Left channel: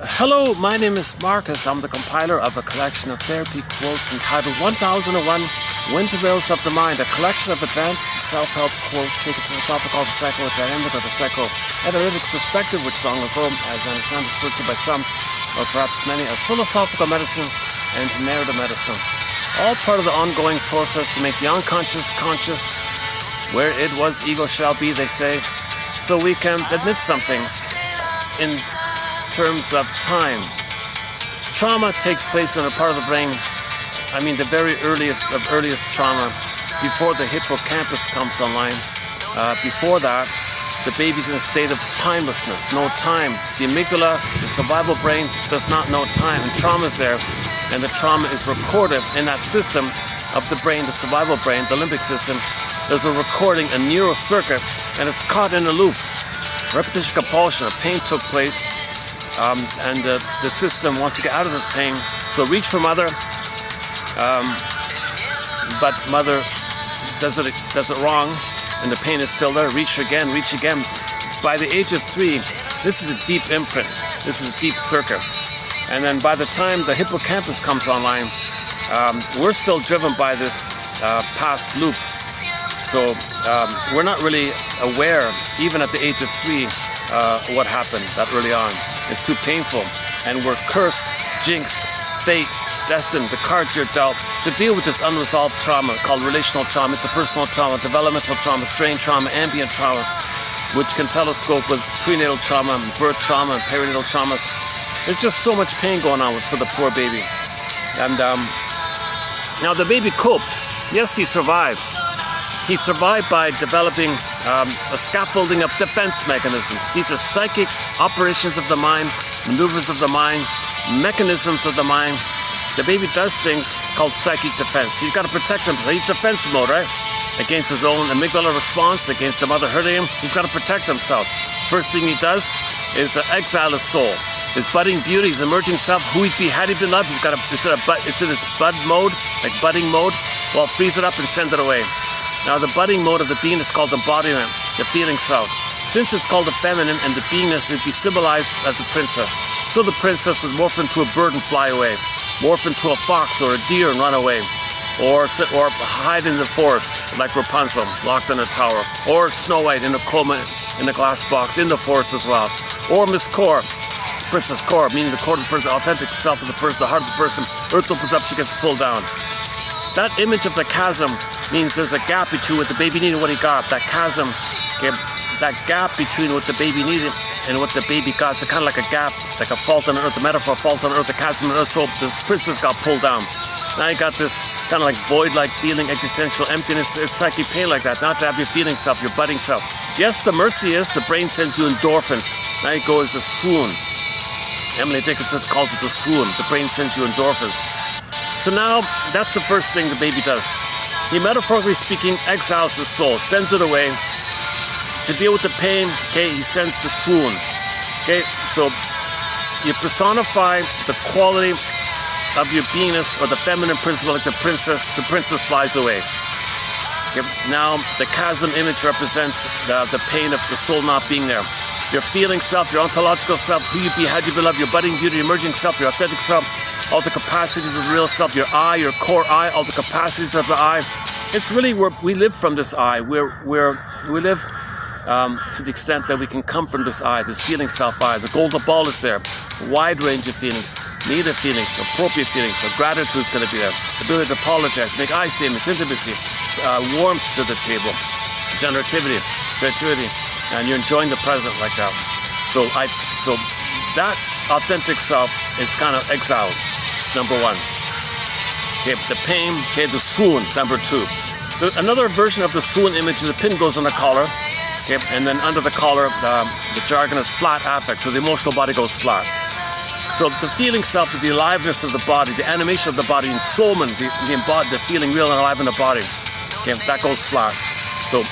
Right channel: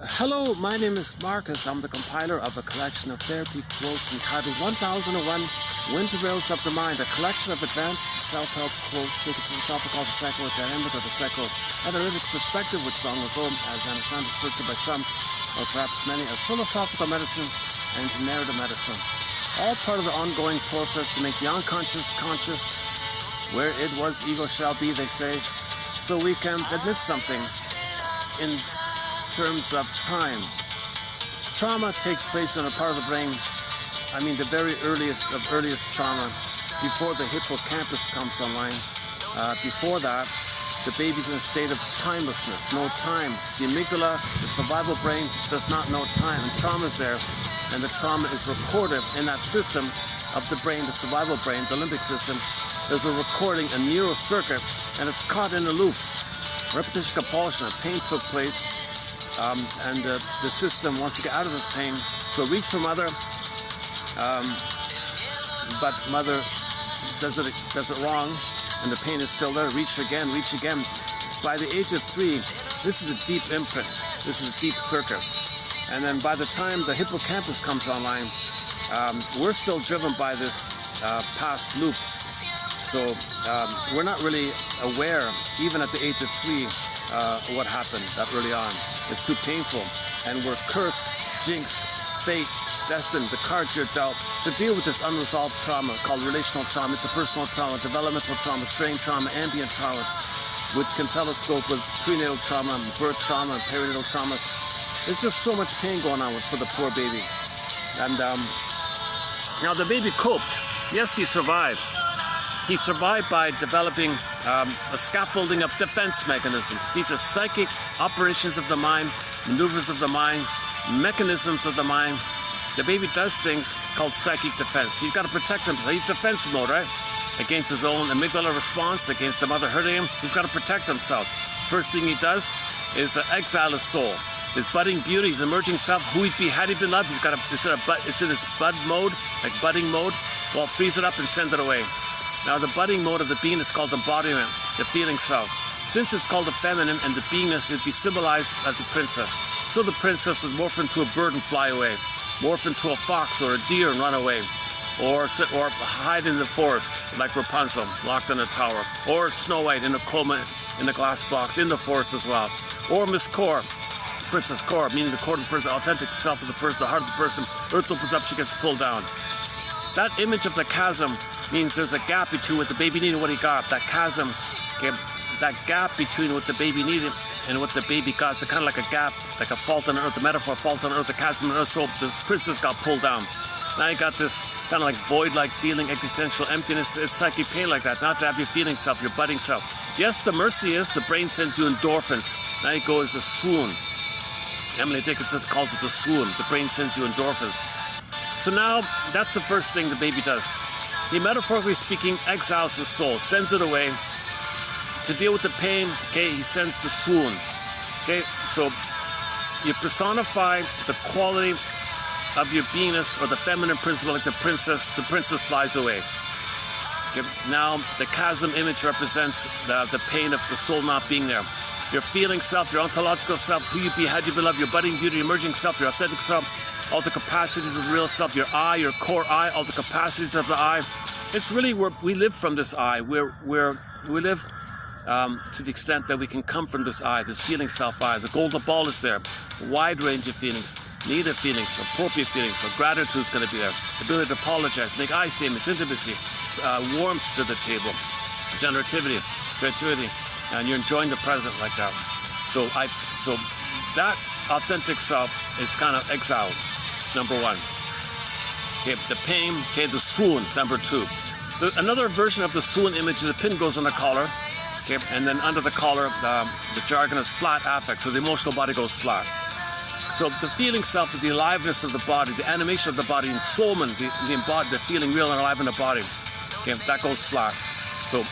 Hello, my name is Marcus. I'm the compiler of a collection of therapy quotes entitled 1001 Windmills of the Mind, a collection of advanced self-help quotes taken from a topic called the psychodynamic or the psychoanalytic perspective, which long ago, as I understand, is referred to by some, or perhaps many, as philosophical medicine and narrative medicine. All part of the ongoing process to make the unconscious conscious. Where it was, ego shall be, they say, so we can admit something in terms of time. Trauma takes place in a part of the brain, the very earliest trauma, before the hippocampus comes online. Before that, the baby's in a state of timelessness, no time. The amygdala, the survival brain, does not know time, and trauma is there, and the trauma is recorded in that system of the brain, the survival brain, the limbic system. There's a recording, a neural circuit, and it's caught in a loop. Repetition compulsion, a pain took place, and the system wants to get out of this pain, so reach for mother, but mother does it wrong, and the pain is still there. Reach again. By the age of 3, this is a deep imprint, this is a deep circuit, and then by the time the hippocampus comes online, we're still driven by this past loop. So we're not really aware, even at the age of 3, what happened that early on. It's too painful, and we're cursed, jinxed, fate, destined, the cards you're dealt, to deal with this unresolved trauma called relational trauma, interpersonal trauma, developmental trauma, strain trauma, ambient trauma, which can telescope with prenatal trauma, birth trauma, and perinatal traumas. There's just so much pain going on for the poor baby. And now the baby coped. Yes, he survived. He survived by developing a scaffolding of defense mechanisms. These are psychic operations of the mind, maneuvers of the mind, mechanisms of the mind. The baby does things called psychic defense. He's got to protect himself. He's defense mode, right? Against his own amygdala response, against the mother hurting him. He's got to protect himself. First thing he does is exile his soul. His budding beauty, his emerging self, who he'd be had he been loved. He's got to, it's in its bud mode, like budding mode. Well, freeze it up and send it away. Now, the budding mode of the being is called embodiment, the feeling self. Since it's called the feminine and the beingness, it'd be symbolized as a princess. So the princess would morph into a bird and fly away, morph into a fox or a deer and run away, or hide in the forest like Rapunzel, locked in a tower, or Snow White in a coma in a glass box in the forest as well, or Miss Core, Princess Core, meaning the core of the person, the authentic self of the person, the heart of the person. Earth opens up, she gets pulled down. That image of the chasm means there's a gap between what the baby needed and what he got. That chasm, okay, that gap between what the baby needed and what the baby got. It's kind of like a gap, like a fault on earth, the metaphor fault on earth, the chasm on earth. So this princess got pulled down. Now you got this kind of like void-like feeling, existential emptiness. It's psychic pain like that, not to have your feeling self, your budding self. Yes, the mercy is the brain sends you endorphins. Now you go as a swoon. Emily Dickinson calls it the swoon. The brain sends you endorphins. So now, that's the first thing the baby does. He, metaphorically speaking, exiles his soul, sends it away. To deal with the pain, okay, he sends the swoon. Okay, so you personify the quality of your beingness, or the feminine principle, like the princess flies away. Okay, now, the chasm image represents the pain of the soul not being there. Your feeling self, your ontological self, who you be, had you be loved, your budding beauty, your emerging self, your authentic self, all the capacities of the real self, your I, your core I, all the capacities of the I. It's really where we live from this I. We live to the extent that we can come from this I, this feeling self I. The golden ball is there. Wide range of feelings, negative feelings, appropriate feelings. So gratitude is going to be there. Ability to apologize, make I statements, intimacy, warmth to the table, generativity, creativity, and you're enjoying the present like that. So that authentic self is kind of exiled. It's number 1. Okay, the pain, okay, the swoon, number 2. Another version of the swoon image is a pin goes on the collar, okay, and then under the collar, the jargon is flat affect, so the emotional body goes flat. So the feeling self is the aliveness of the body, the animation of the body, ensoulment, the feeling real and alive in the body. Okay, that goes flat. So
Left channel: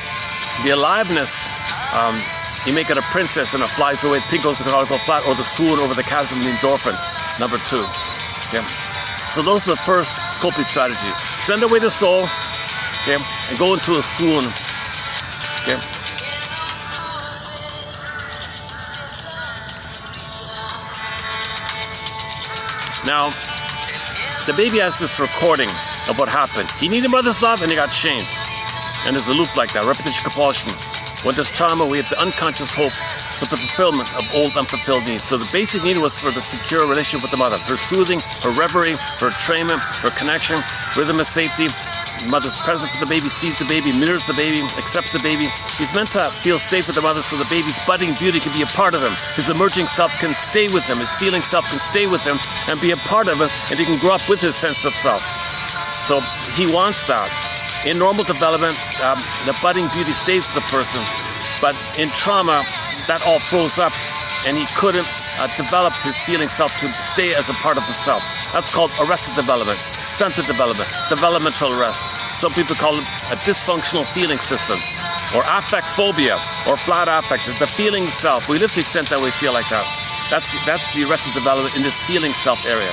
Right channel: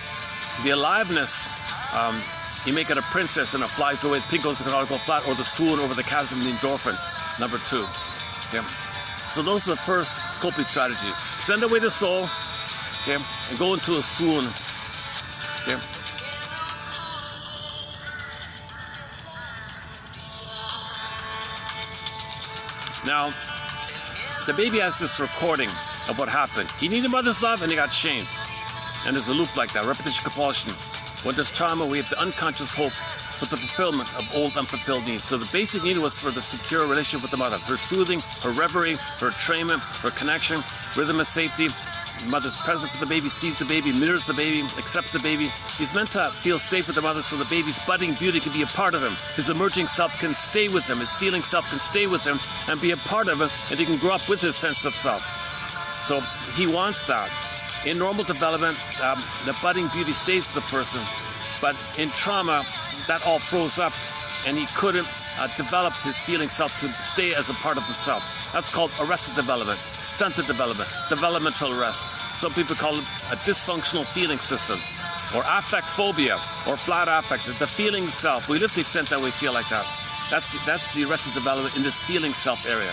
the aliveness, you make it a princess and it flies away. The pin goes to the collar, go flat, or the swoon over the chasm, the endorphins, number 2. Okay. So those are the first coping strategies. Send away the soul, okay, and go into a swoon. Okay. Now, the baby has this recording of what happened. He needed mother's love and he got shamed. And there's a loop like that, repetition compulsion. When there's trauma, we have the unconscious hope for the fulfillment of old unfulfilled needs. So the basic need was for the secure relationship with the mother. Her soothing, her reverie, her entrainment, her connection, rhythm of safety. The mother's present for the baby, sees the baby, mirrors the baby, accepts the baby. He's meant to feel safe with the mother so the baby's budding beauty can be a part of him. His emerging self can stay with him. His feeling self can stay with him and be a part of it, and he can grow up with his sense of self. So he wants that. In normal development, the budding beauty stays with the person, but in trauma, that all froze up, and he couldn't develop his feeling self to stay as a part of himself. That's called arrested development, stunted development, developmental arrest. Some people call it a dysfunctional feeling system, or affect phobia, or flat affect, the feeling self. We live to the extent that we feel like that. That's the arrested development in this feeling self area.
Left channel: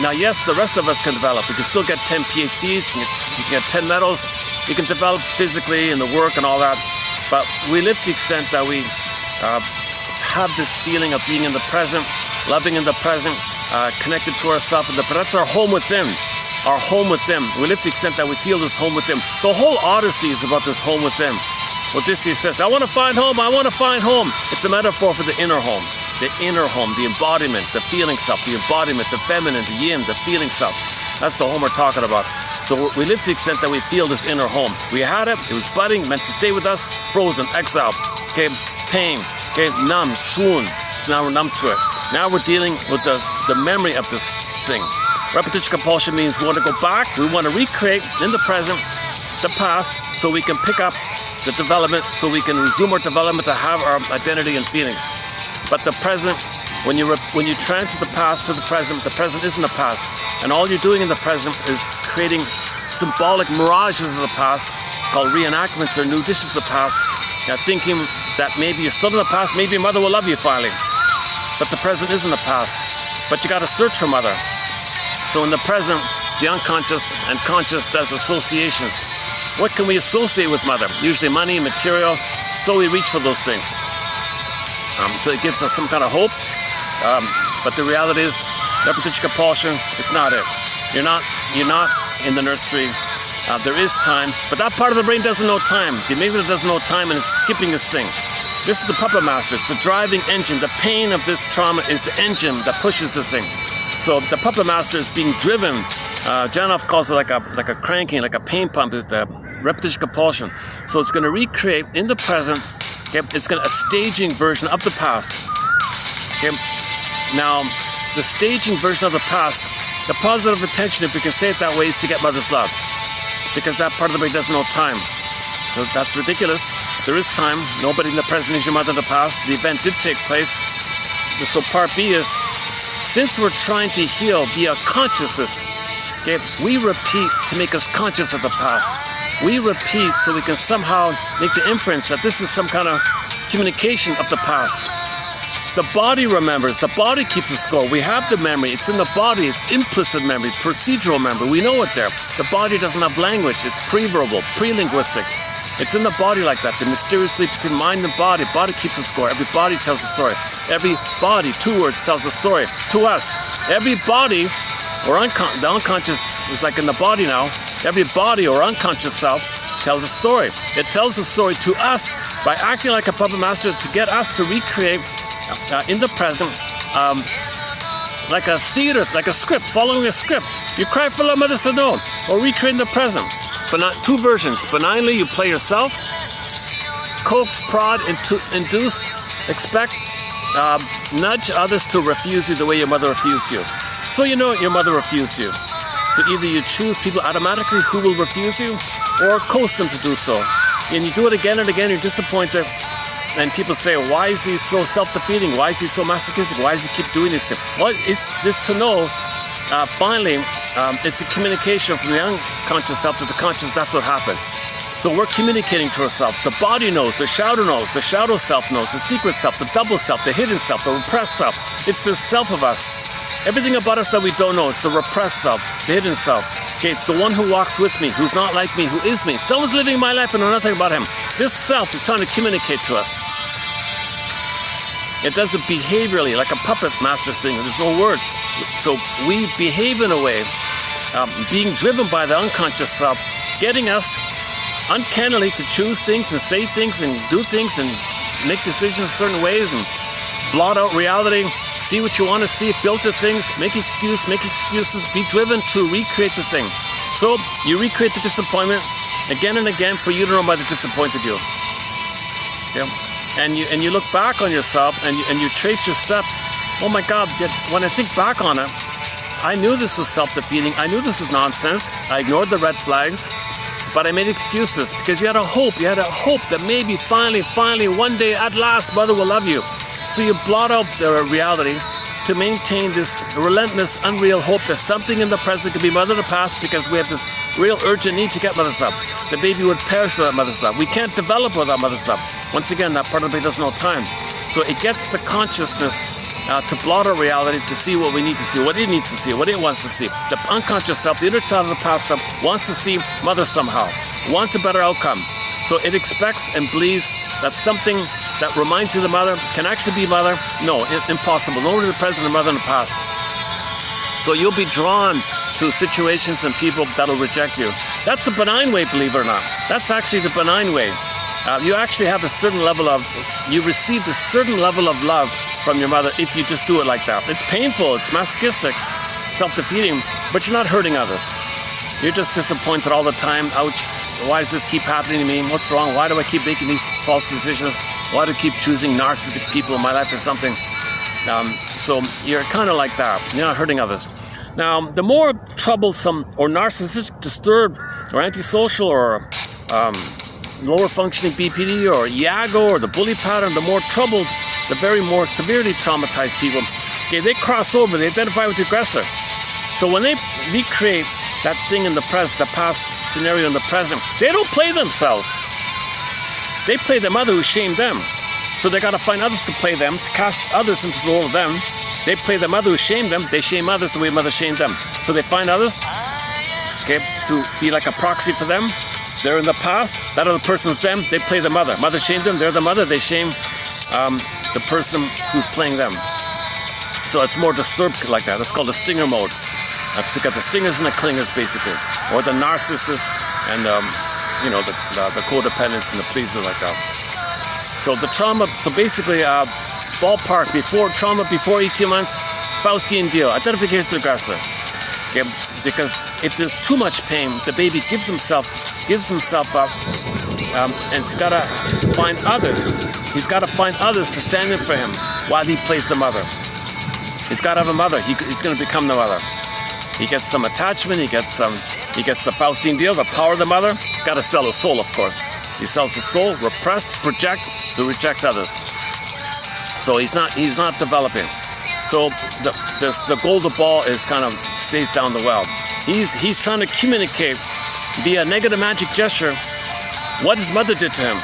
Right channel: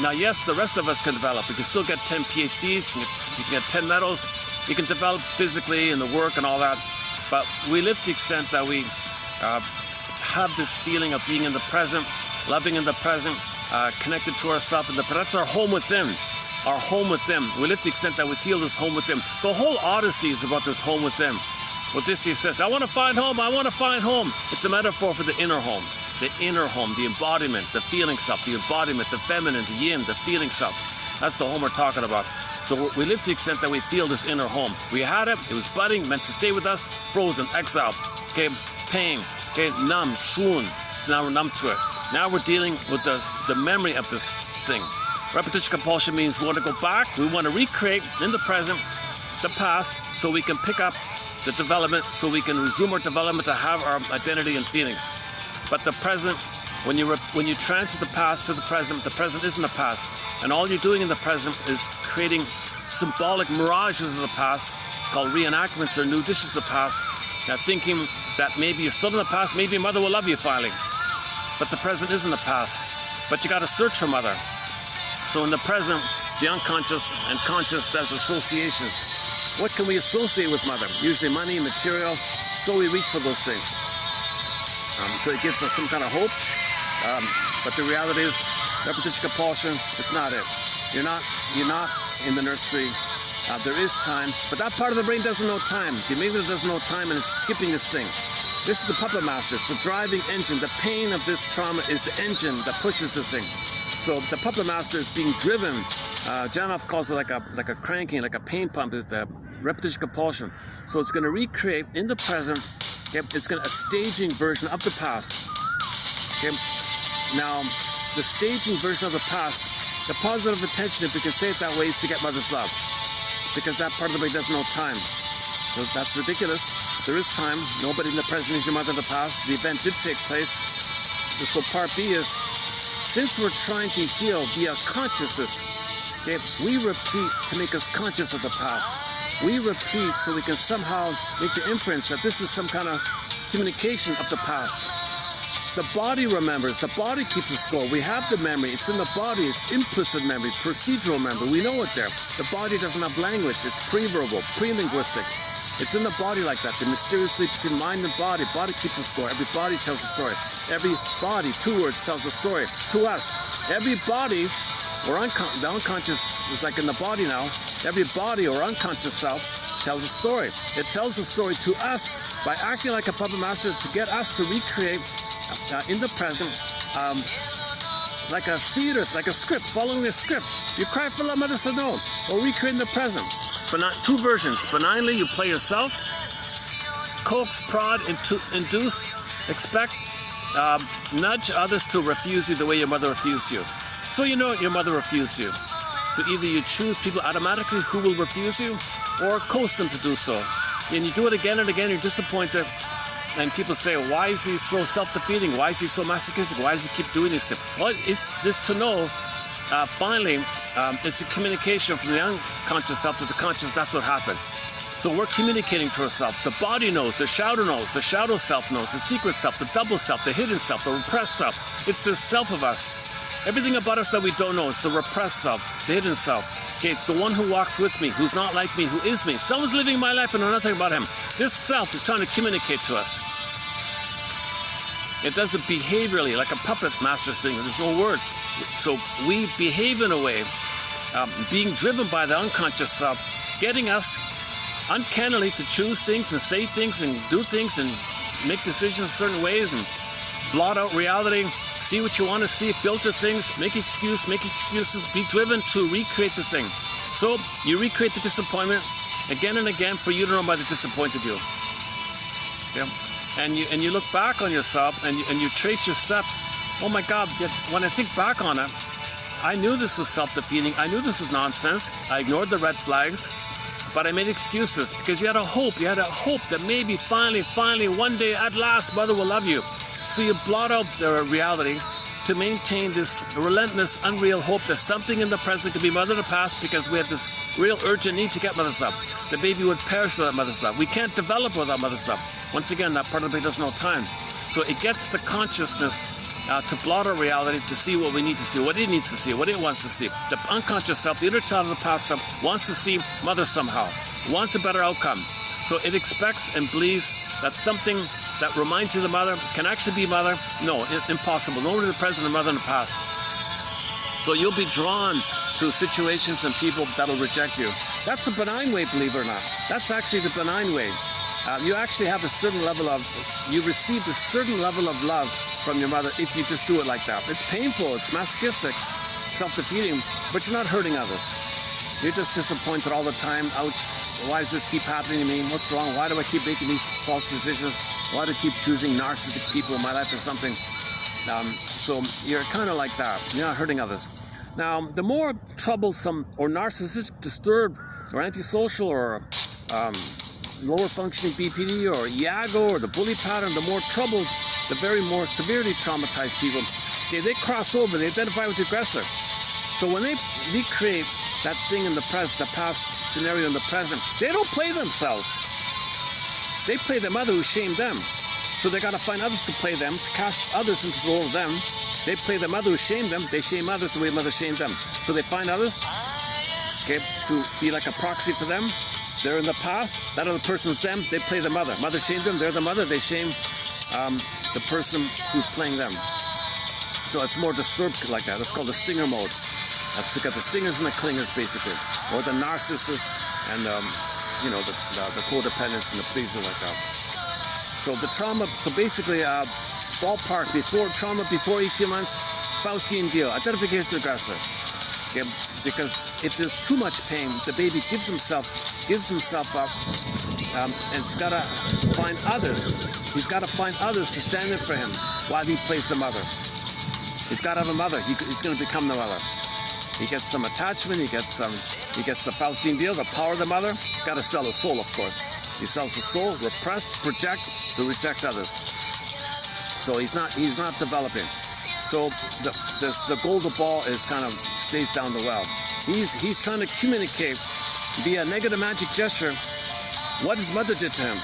Now, yes, the rest of us can develop. We can still get 10 PhDs, you can get 10 medals, we can develop physically in the work and all that, but we live to the extent that we have this feeling of being in the present, loving in the present, connected to ourselves, but that's our home within. Our home within. We live to the extent that we feel this home within. The whole Odyssey is about this home within. Odysseus says, I want to find home, I want to find home. It's a metaphor for the inner home. The inner home, the embodiment, the feeling self, the embodiment, the feminine, the yin, the feeling self. That's the home we're talking about. So we live to the extent that we feel this inner home. We had it was budding, meant to stay with us, frozen, exile, okay, pain, okay, numb, swoon. So now we're numb to it. Now we're dealing with the memory of this thing. Repetition compulsion means we want to go back, we want to recreate in the present, the past, so we can pick up the development, so we can resume our development to have our identity and feelings. But the present, when you transfer the past to the present isn't the past. And all you're doing in the present is creating symbolic mirages of the past, called reenactments or new dishes of the past. Now thinking that maybe you're still in the past, maybe your mother will love you finally. But the present isn't the past. But you got to search for mother. So in the present, the unconscious and conscious does associations. What can we associate with mother? Usually money, material. So we reach for those things. So it gives us some kind of hope. But the reality is, repetition compulsion is not it. You're not in the nursery. There is time, but that part of the brain doesn't know time. The amygdala doesn't know time and is skipping this thing. This is the puppet master. It's the driving engine. The pain of this trauma is the engine that pushes this thing. So the puppet master is being driven. Janov calls it like a cranking, like a pain pump. Is the repetition compulsion. So it's going to recreate in the present. Okay, it's going to a staging version of the past. Okay, now the staging version of the past, the positive attention, if we can say it that way, is to get mother's love, because that part of the brain doesn't know time. So that's ridiculous. There is time. Nobody in the present is your mother in the past. The event did take place. So part B is, since we're trying to heal via consciousness, okay, we repeat to make us conscious of the past. We repeat so we can somehow make the inference that this is some kind of communication of the past. The body remembers. The body keeps the score. We have the memory. It's in the body. It's implicit memory, procedural memory. We know it there. The body doesn't have language. It's pre-verbal, pre-linguistic. It's in the body like that. The mysterious link between mind and body. Body keeps the score. Every body tells the story. Every body, 2 words, tells the story to us. Every body, or the unconscious is like in the body now. Every body or unconscious self tells a story. It tells the story to us by acting like a puppet master to get us to recreate in the present, like a theater, like a script, following a script. You cry for love, mother said no, or recreate in the present. But not 2 versions. Benignly, you play yourself. Coax, prod, induce, expect, nudge others to refuse you the way your mother refused you. So you know your mother refused you. So either you choose people automatically who will refuse you, or coax them to do so. And you do it again and again, you're disappointed. And people say, why is he so self-defeating? Why is he so masochistic? Why does he keep doing this thing? Well, it's this to know, finally, it's a communication from the unconscious self to the conscious. That's what happened. So we're communicating to ourselves. The body knows, the shadow self knows, the secret self, the double self, the hidden self, the repressed self. It's the self of us. Everything about us that we don't know, it's the repressed self, the hidden self. Okay, it's the one who walks with me, who's not like me, who is me. Someone's living my life and know nothing about him. This self is trying to communicate to us. It does it behaviorally, like a puppet master's thing. There's no words. So we behave in a way, being driven by the unconscious self, getting us uncannily to choose things and say things and do things and make decisions certain ways and blot out reality, see what you want to see, filter things, make excuses, be driven to recreate the thing. So you recreate the disappointment again and again for you to know why they disappointed you. Yeah. And you look back on yourself and you trace your steps. Oh my God, when I think back on it, I knew this was self-defeating. I knew this was nonsense. I ignored the red flags, but I made excuses because you had a hope. You had a hope that maybe finally, one day, at last, Mother will love you. So you blot out the reality to maintain this relentless, unreal hope that something in the present could be Mother of the past, because we have this real urgent need to get Mother's love. The baby would perish without Mother's love. We can't develop without Mother's love. Once again, that part of the baby doesn't know time. So it gets the consciousness to blot out reality, to see what we need to see, what it needs to see, what it wants to see. The unconscious self, the inner child of the past self, wants to see Mother somehow, wants a better outcome. So it expects and believes that something that reminds you of the Mother can actually be Mother. No, impossible. No one in the present and Mother in the past. So you'll be drawn to situations and people that'll reject you. That's a benign way, believe it or not. That's actually the benign way. You actually have a certain level of, you received a certain level of love from your mother if you just do it like that. It's painful, it's masochistic, self-defeating, but you're not hurting others. You're just disappointed all the time. Ouch, why does this keep happening to me? What's wrong? Why do I keep making these false decisions? Why do I keep choosing narcissistic people in my life or something? So you're kind of like that. You're not hurting others. Now, the more troublesome or narcissistic, disturbed, or antisocial, or lower functioning BPD, or Iago, or the bully pattern, the more troubled, the very more severely traumatized people, okay, they cross over, they identify with the aggressor. So when they recreate that thing in the present, the past scenario in the present, they don't play themselves. They play the mother who shamed them. So they got to find others to play them, to cast others into the role of them. They play the mother who shamed them. They shame others the way mother shamed them. So they find others, okay, to be like a proxy for them. They're in the past. That other person's them. They play the mother. Mother shamed them. They're the mother. They shame the person who's playing them. So it's more disturbed like that. It's called the stinger mode. So you got the stingers and the clingers, basically, or the narcissist and the codependents and the pleaser, like that. So the trauma. So basically, ballpark trauma before 18 months, Faustian deal, identification of the aggressor. Okay, because if there's too much pain, the baby gives himself up, and he's got to find others. He's got to find others to stand in for him while he plays the mother. He's got to have a mother. He's going to become the mother. He gets some attachment. He gets the Faustian deal, the power of the mother. Got to sell his soul, of course. He sells his soul, repressed, project, who rejects others. So he's not developing. So the golden ball is kind of stays down the well. He's trying to communicate via negative magic gesture what his mother did to him.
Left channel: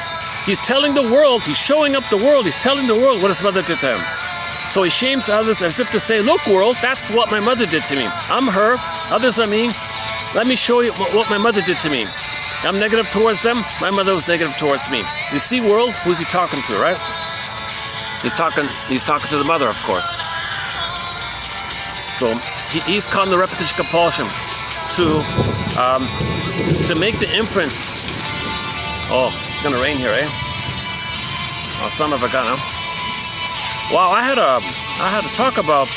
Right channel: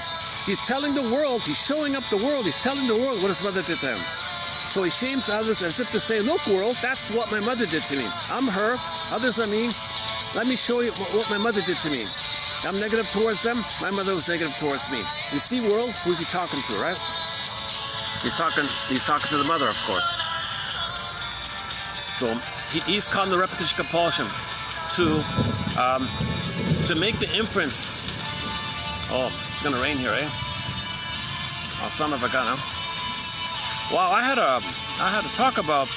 He's telling the world, he's showing up the world, he's telling the world what his mother did to him. So he shames others as if to say, look world, that's what my mother did to me. I'm her, others are me. Let me show you what my mother did to me. I'm negative towards them, my mother was negative towards me. You see world, who's he talking to, right? He's talking to the mother, of course. So he's caught in the repetition compulsion to make the inference. Oh, it's gonna rain here, eh? Oh, son of a gun, huh? Wow, I had to talk about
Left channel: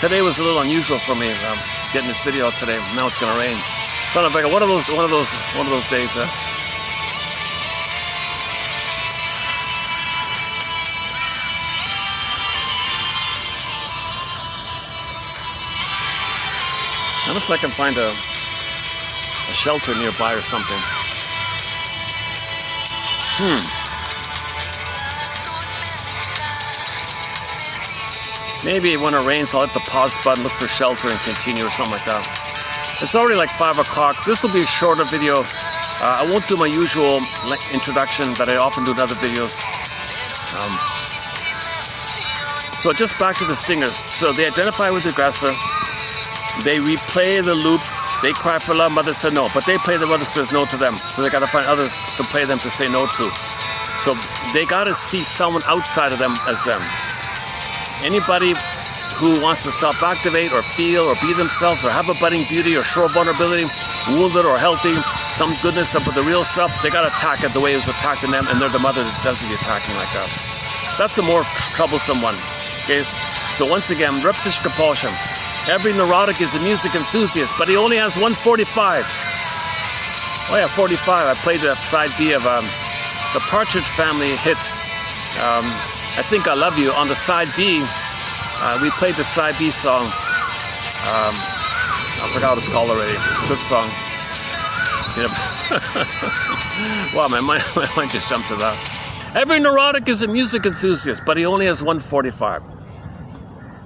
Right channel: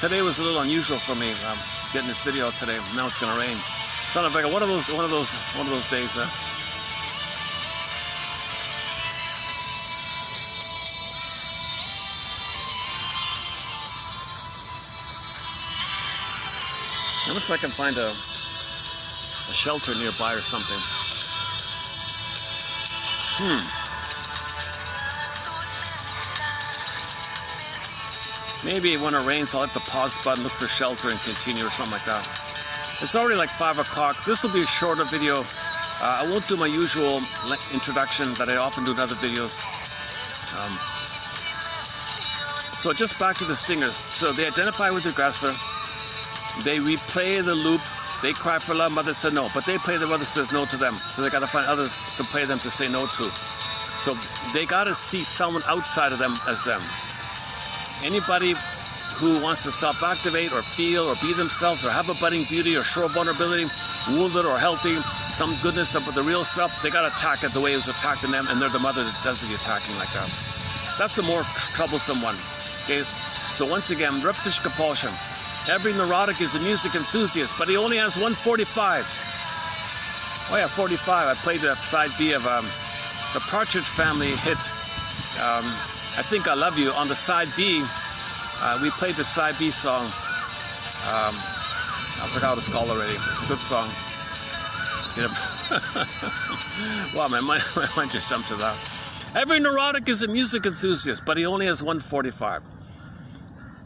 today was a little unusual for me. Getting this video out today. Now it's gonna rain. Son of a gun, one of those days. Unless I can find a shelter nearby or something. Maybe when it rains, I'll hit the pause button, look for shelter, and continue or something like that. It's already like 5 o'clock. So this will be a shorter video. I won't do my usual introduction that I often do in other videos. So just back to the stingers. So they identify with the aggressor. They replay the loop. They cry for love. Mother said no. But they play the mother says no to them. So they got to find others to play them to say no to. So they got to see someone outside of them as them. Anybody who wants to self-activate or feel or be themselves or have a budding beauty or show vulnerability, wounded or healthy, some goodness up with the real self, they got to attack it the way it was attacking them, and they're the mother that does the attacking like that. That's the more troublesome one. Okay, so once again, repetition compulsion. Every neurotic is a music enthusiast, but he only has 145. Oh yeah, 45. I played the side B of the Partridge Family hit, I Think I Love You. On the side B, we played the side B song. I forgot what it's called already. Good song. Yep. Wow, my mind just jumped to that. Every neurotic is a music enthusiast, but he only has 145.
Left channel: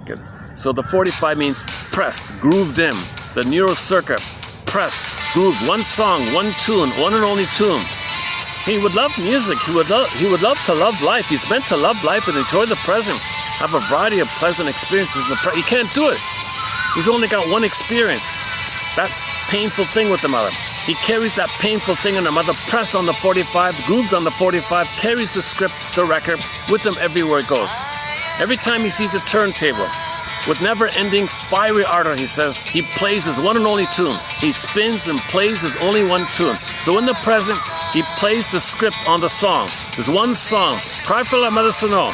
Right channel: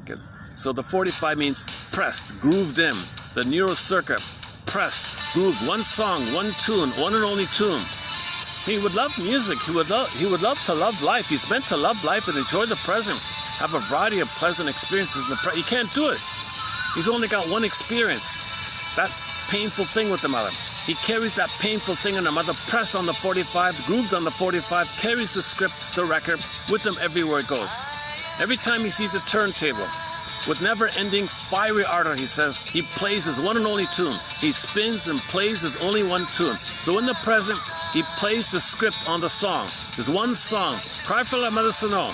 Good. So the 45 means pressed, grooved in. The neural circuit, pressed, grooved. One song, one tune, one and only tune. He would love music. He would love to love life. He's meant to love life and enjoy the present. Have a variety of pleasant experiences in the present. He can't do it. He's only got one experience. That painful thing with the mother. He carries that painful thing in the mother, pressed on the 45, grooved on the 45, carries the script, the record, with him everywhere it goes. Every time he sees a turntable, with never-ending fiery ardor, he says, he plays his one and only tune. He spins and plays his only one tune. So in the present, he plays the script on the song. There's one song, Cry for La Mother Sano.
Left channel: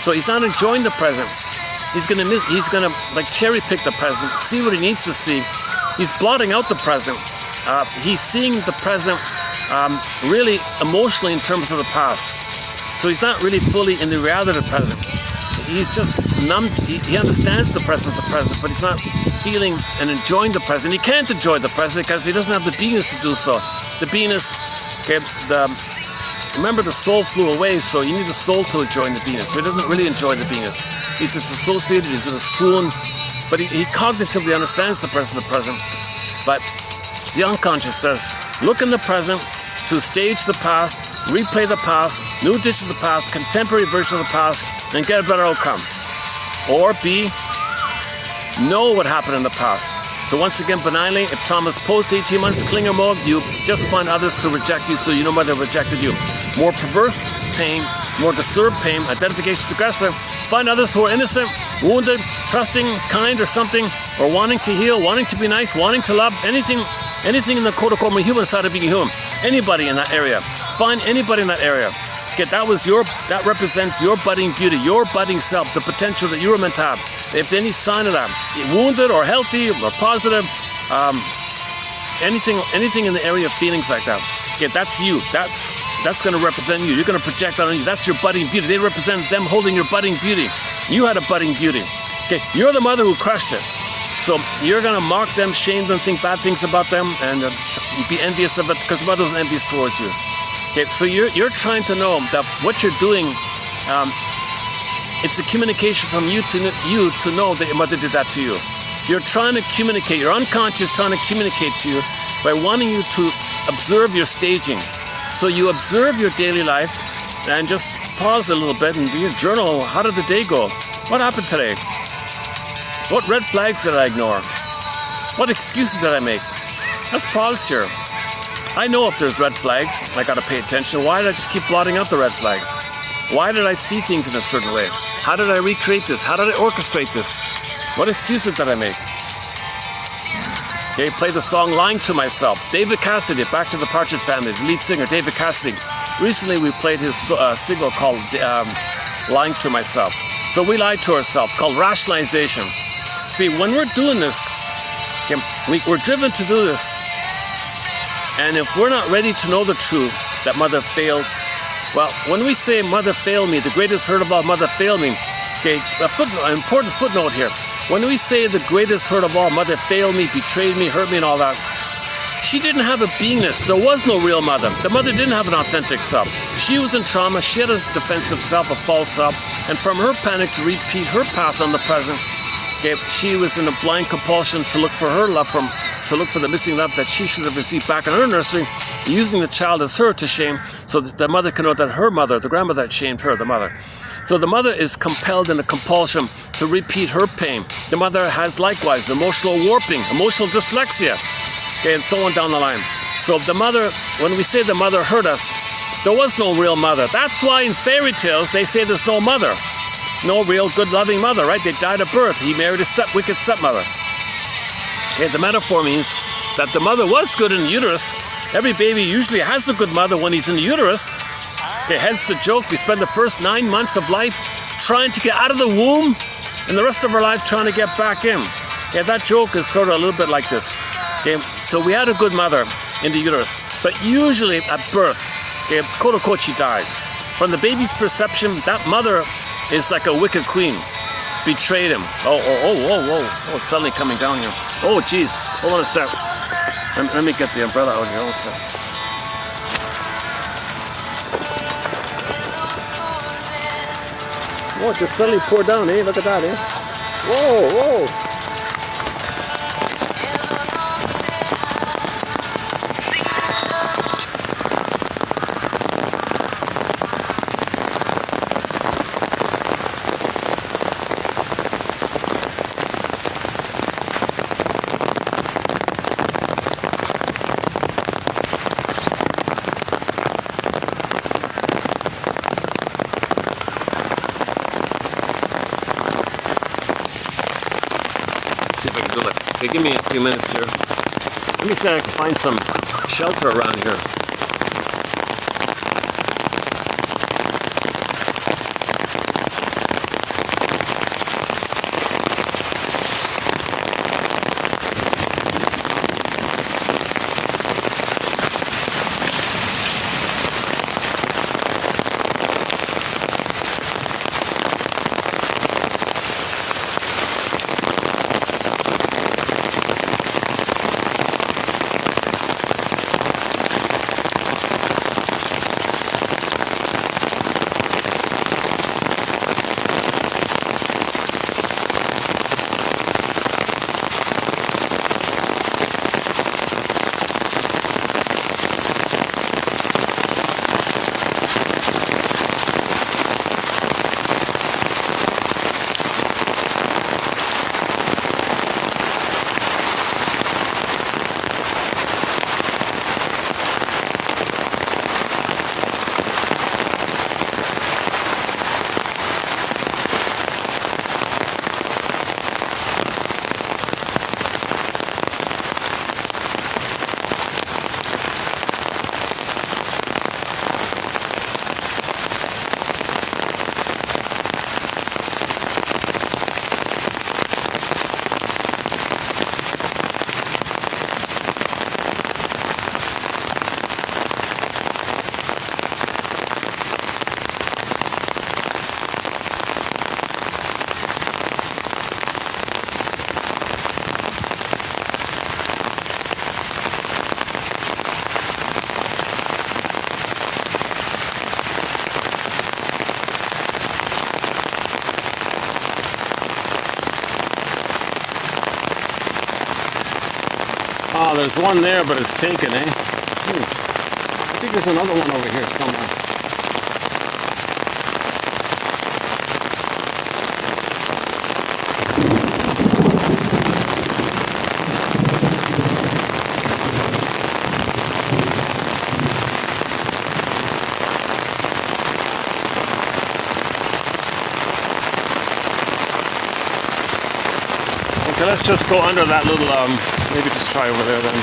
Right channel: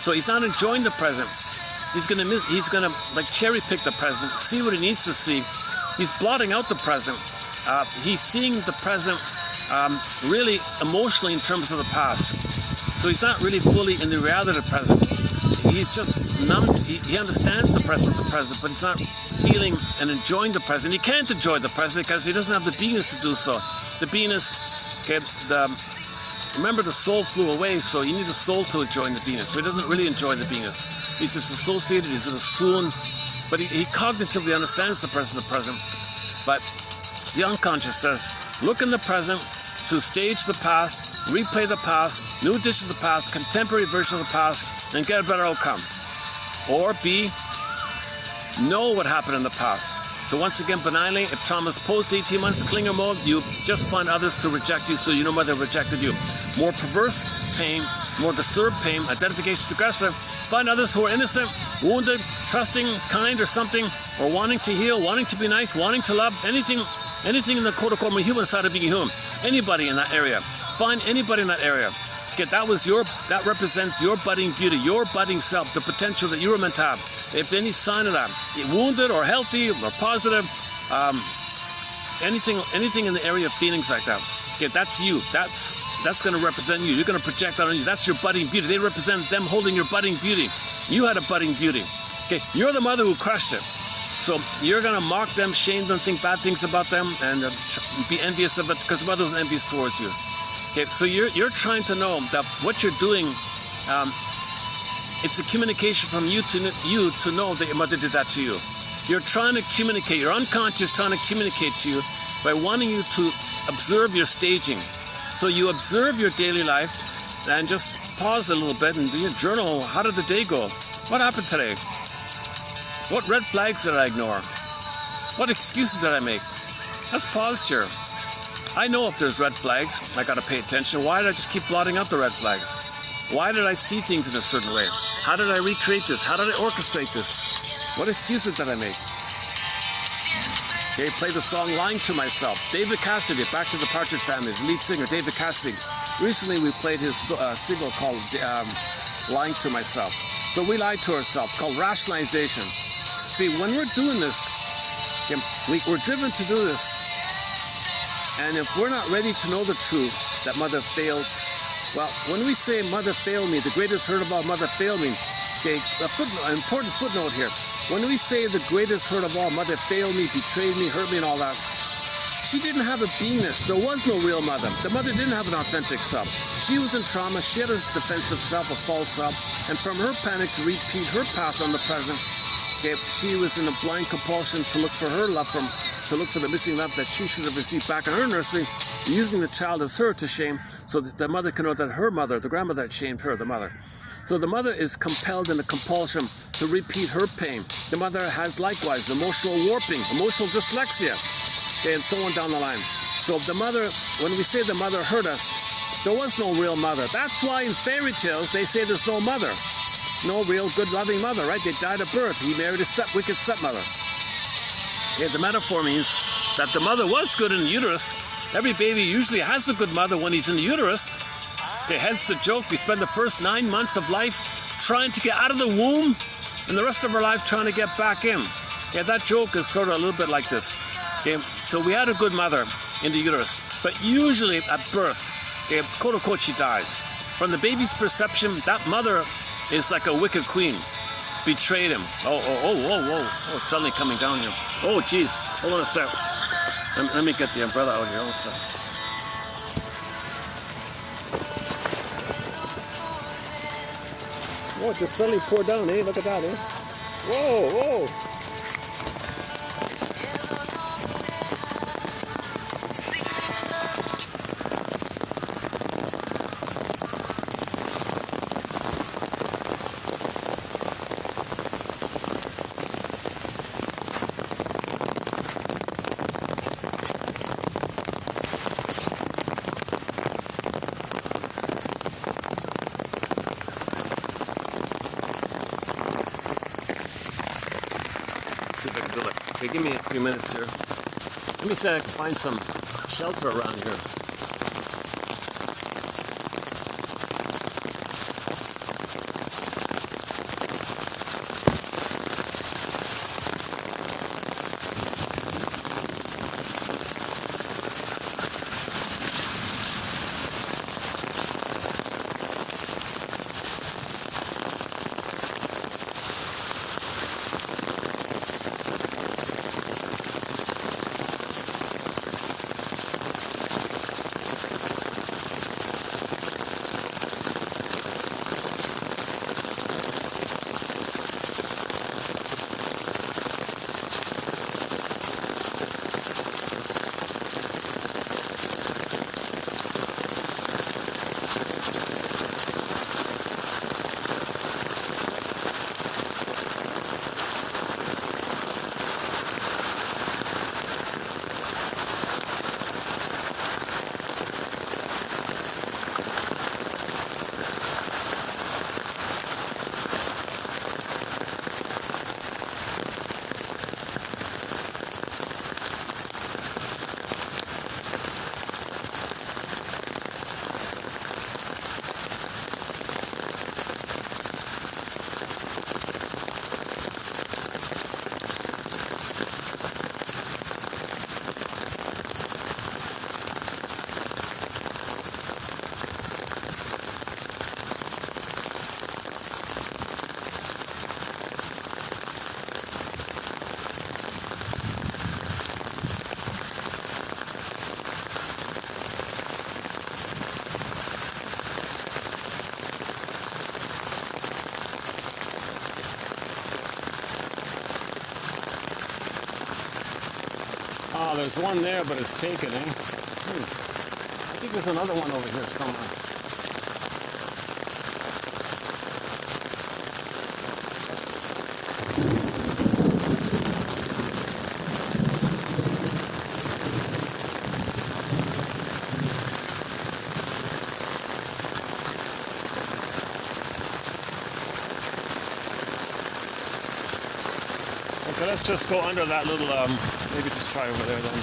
So he's not enjoying the present. He's gonna like cherry pick the present, see what he needs to see. He's blotting out the present. He's seeing the present really emotionally in terms of the past. So he's not really fully in the reality of the present. He's just numb. He understands the present, but he's not feeling and enjoying the present. He can't enjoy the present because he doesn't have the beingness to do so. The beingness, okay, remember the soul flew away, so you need the soul to enjoy the beingness. So he doesn't really enjoy the beingness. He's disassociated, he's in a swoon, but he cognitively understands the present, but the unconscious says, look in the present to stage the past, replay the past, new edition of the past, contemporary version of the past, and get a better outcome. Or B, know what happened in the past. So once again, benignly, if Thomas post 18 months clinger mode, you just find others to reject you so you know why they rejected you. More perverse pain, more disturbed pain, identification with aggressor. Find others who are innocent, wounded, trusting, kind or something, or wanting to heal, wanting to be nice, wanting to love, anything in the quote-unquote human side of being human. Anybody in that area. Find anybody in that area. Okay, that represents your budding beauty, your budding self, the potential that you were meant to have. If any sign of that, wounded or healthy or positive, anything in the area of feelings like that. Okay, that's you. That's going to represent you. You're going to project that on you. That's your budding beauty. They represent them holding your budding beauty. You had a budding beauty. Okay, you're the mother who crushed it. So you're going to mock them, shame them, think bad things about them, and be envious of it because the mother was envious towards you. Okay, so you're trying to know that what you're doing, it's a communication from you to know that your mother did that to you. You're trying to communicate. Your unconscious trying to communicate to you by wanting you to observe your staging. So you observe your daily life and just pause a little bit and do your journal. How did the day go? What happened today? What red flags did I ignore? What excuses did I make? Let's pause here. I know if there's red flags, I gotta pay attention. Why did I just keep blotting out the red flags? Why did I see things in a certain way? How did I recreate this? How did I orchestrate this? What excuses did I make? Okay, play the song Lying to Myself. David Cassidy, back to the Partridge Family, the lead singer, David Cassidy. Recently we played his single called Lying to Myself. So we lie to ourselves, called rationalization. See, when we're doing this, okay, we're driven to do this. And if we're not ready to know the truth, that mother failed, well, when we say mother failed me, the greatest hurt of all, mother failed me, okay, an important footnote here. When we say the greatest hurt of all, mother failed me, betrayed me, hurt me and all that, she didn't have a beingness. There was no real mother. The mother didn't have an authentic self. She was in trauma. She had a defensive self, a false self. And from her panic to repeat her past on the present, okay, she was in a blind compulsion to look for her love to look for the missing love that she should have received back in her nursery, using the child as her to shame so that the mother can know that her mother, the grandmother, had shamed her, the mother. So the mother is compelled in a compulsion to repeat her pain. The mother has likewise emotional warping, emotional dyslexia, okay, and so on down the line. So the mother, when we say the mother hurt us, There was no real mother. That's why in fairy tales they say there's no mother. No real good loving mother, right? They died at birth. He married a wicked stepmother. Okay, the metaphor means that the mother was good in the uterus. Every baby usually has a good mother when he's in the uterus. Okay, hence the joke. We spend the first 9 months of life trying to get out of the womb and the rest of our life trying to get back in. Okay, that joke is sort of a little bit like this. Okay, so we had a good mother in the uterus, but usually at birth, okay, quote unquote, she died. From the baby's perception, that mother is like a wicked queen. Betrayed him. Oh, it's suddenly coming down here. Oh, geez. Hold on a sec. Let me get the umbrella out here also. Oh, it just suddenly poured down, eh? Look at that, eh? Whoa. See if I can do it. Okay, give me a few minutes here. Let me see if I can find some shelter around here. Oh, there's one there, but it's taken, eh? I think there's another one over here somewhere. Okay, let's just go under that little, maybe just try over there then.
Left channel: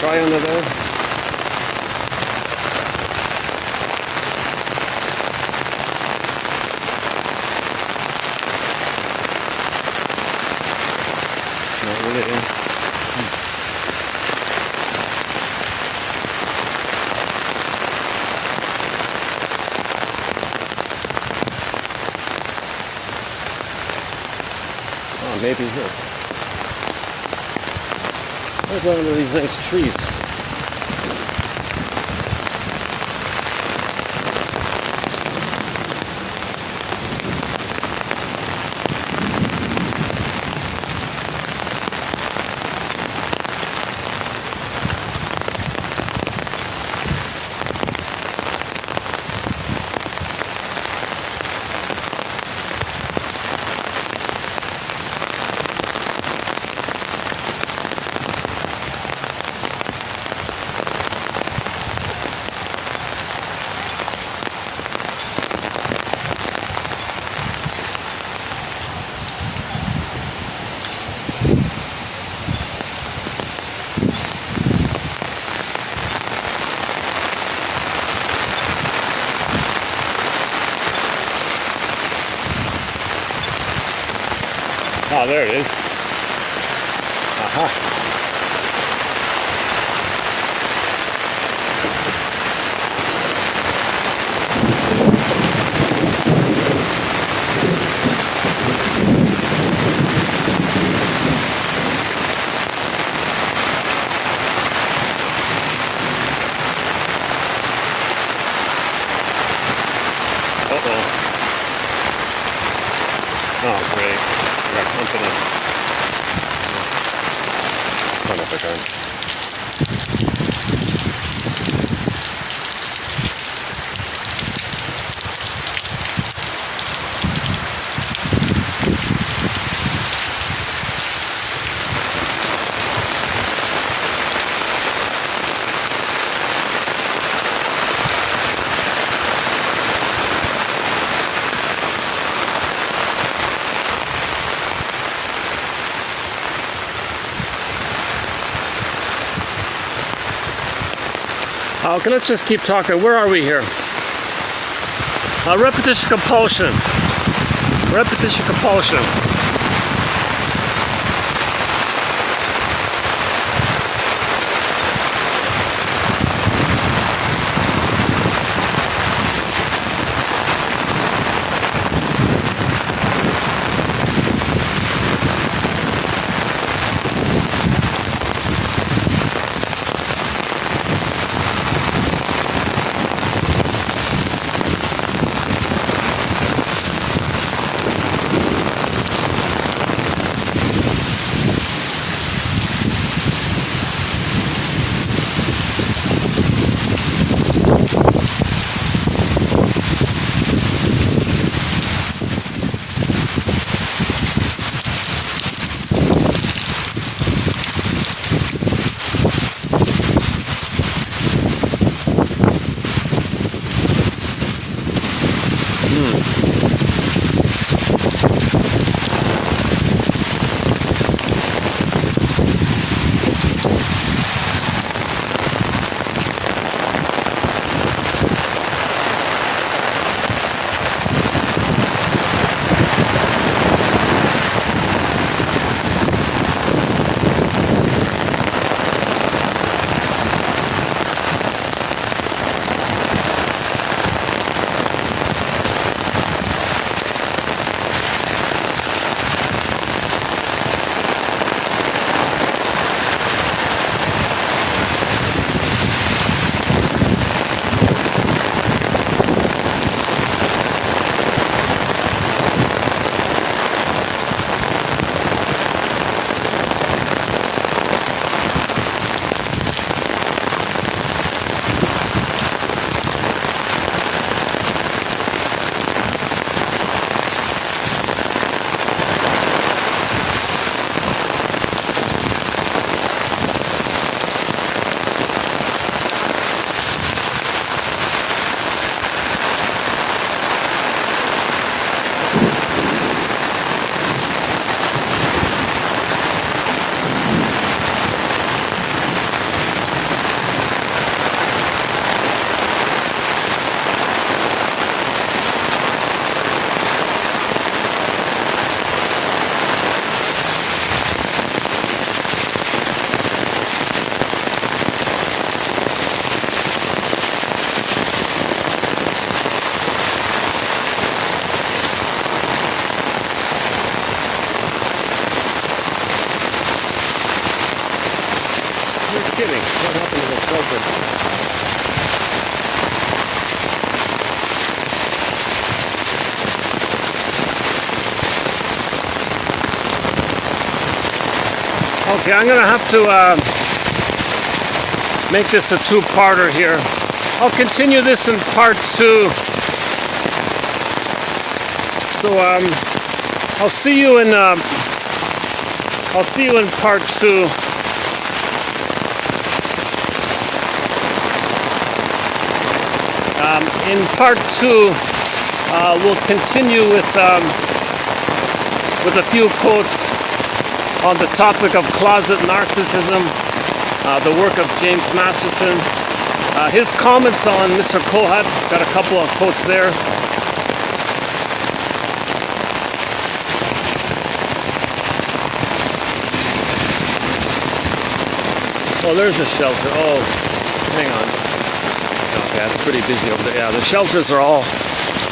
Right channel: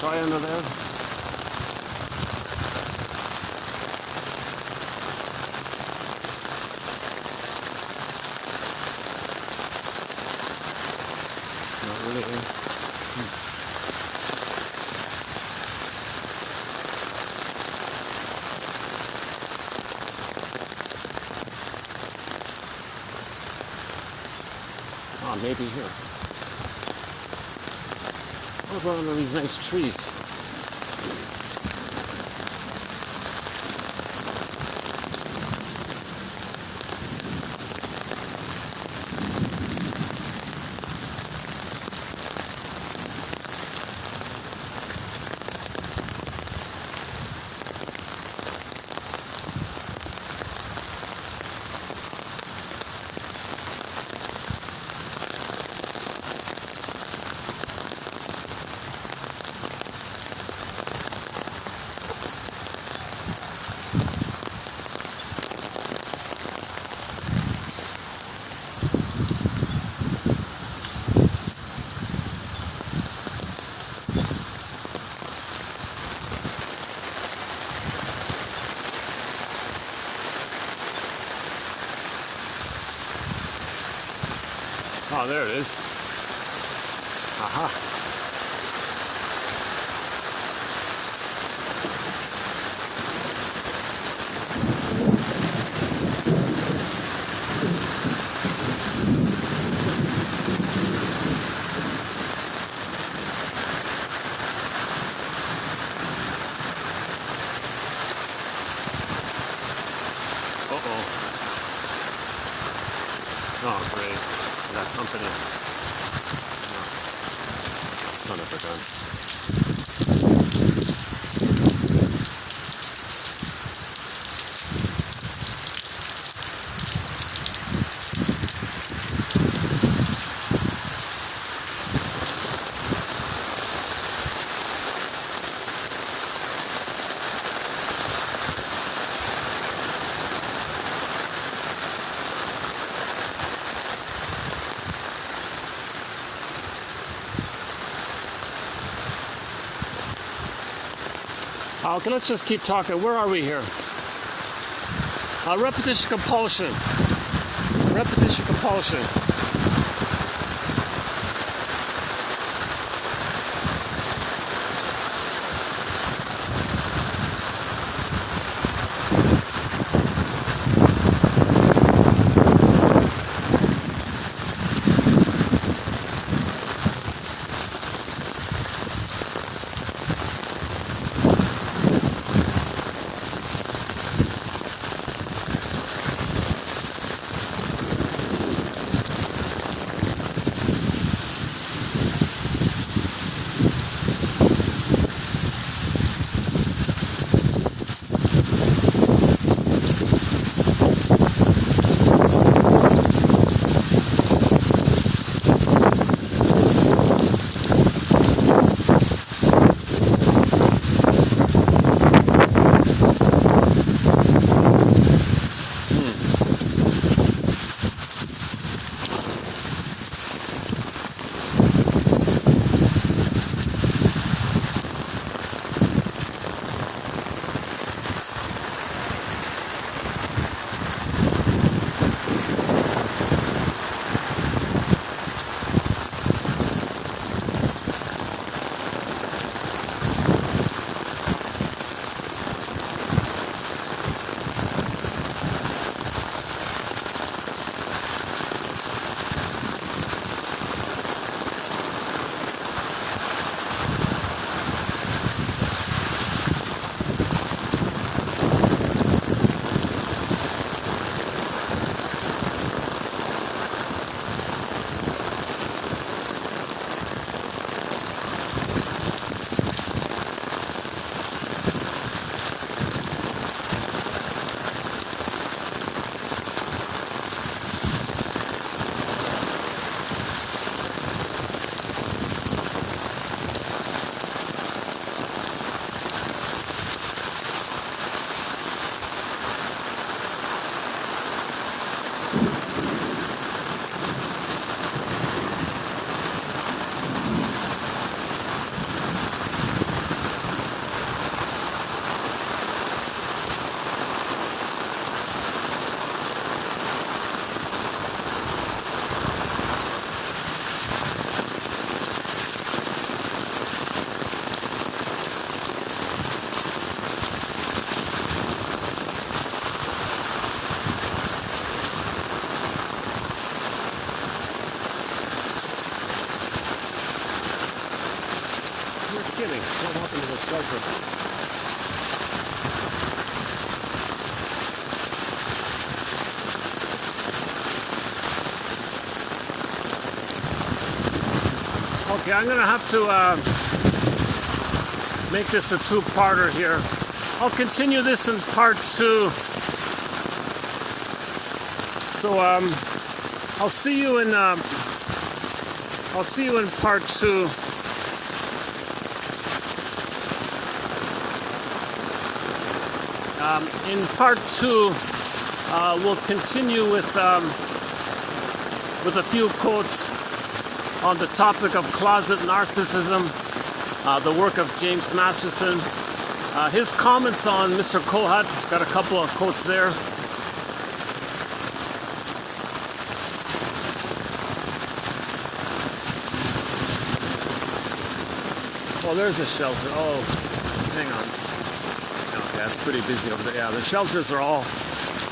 Try under there. maybe here. There's one of these nice trees. Oh, there it is. Uh-huh. Uh-oh. Oh, great. I got company. Son of a gun. Okay, let's just keep talking. Where are we here? Repetition compulsion. Repetition compulsion. Okay, I'm going to have to make this a two-parter here. I'll continue this in part 2. So I'll see you in part 2. In part 2, we'll continue with a few quotes on the topic of closet narcissism, the work of James Masterson, his comments on Mr. Kohat. Got a couple of quotes there. Oh, there's a shelter. Oh, hang on. Okay, it's pretty busy over there. Yeah, the shelters are all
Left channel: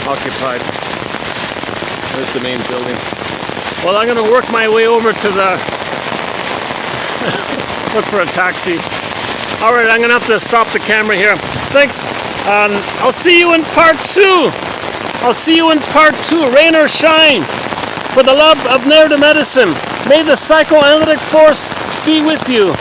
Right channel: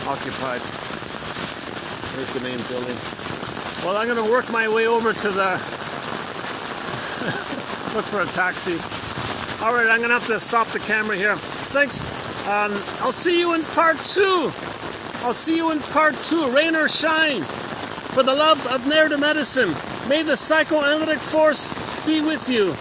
occupied. There's the main building. Well, I'm going to work my way over to the... look for a taxi. All right, I'm going to have to stop the camera here. Thanks. I'll see you in part 2. I'll see you in part 2. Rain or shine. For the love of narrative medicine, may the psychoanalytic force be with you.